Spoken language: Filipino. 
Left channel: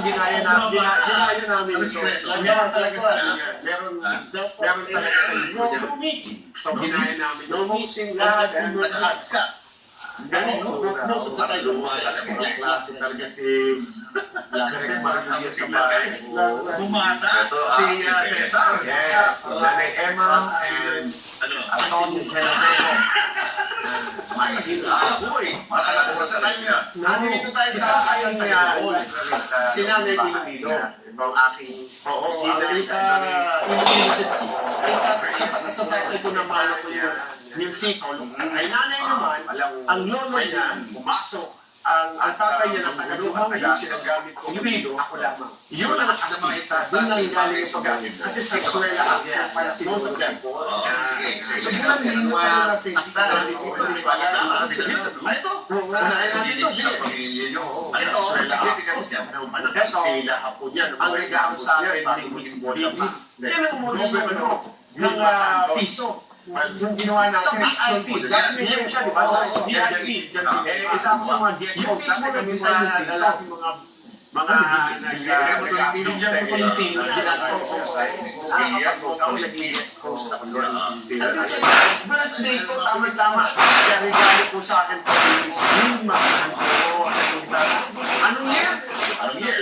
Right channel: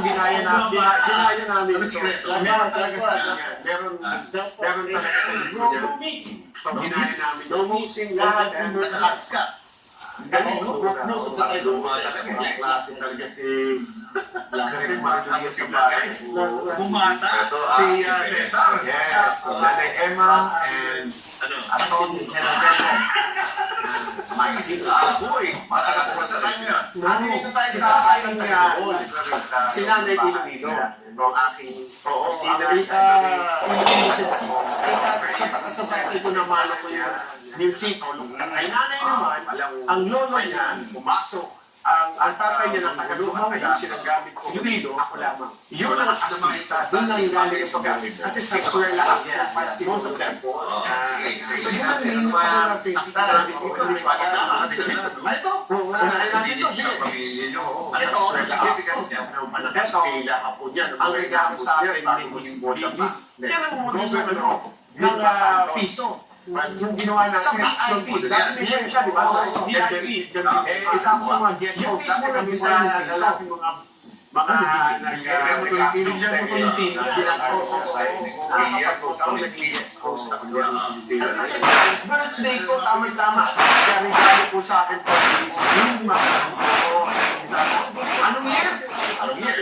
Ginaya namin. Meron talaga sa meron talaga sa inyo. So, ginaya namin. No meeting God and most of the time, mga klase talaga si Maria sa bahay. Bumata. Si yes, Nanay Emma and Atty. Maisip na ako eh. Makakapasalan ka. Nandito tayo sa aking si Nanay Pilipino. Ang aking sa title ko naman ako yung new season. Ay nanay naman, ang lolo niya, pumasok. Ang tatay niya ng Tagaluhan, kaya sinagamit ko Pilipino, ako lamang. Yun ang artista, doon na ilalim yung paggamit. Kasi sexual na ako. Para si most of them po. Siguro hindi mo natin hasta. Ito, unahin natin ito. Kastila hapon yan. Ang regalo sa akin, hindi mo hindi. Mga piso. Yung ginawa natin, mission siya, di ba? Isang sa mga guest host natin kami sa lalaking mga nag-ibigyan mo yung team. Birthday ko, tama-tama. Kaya regalo po sa akin. Anong year? Anong year?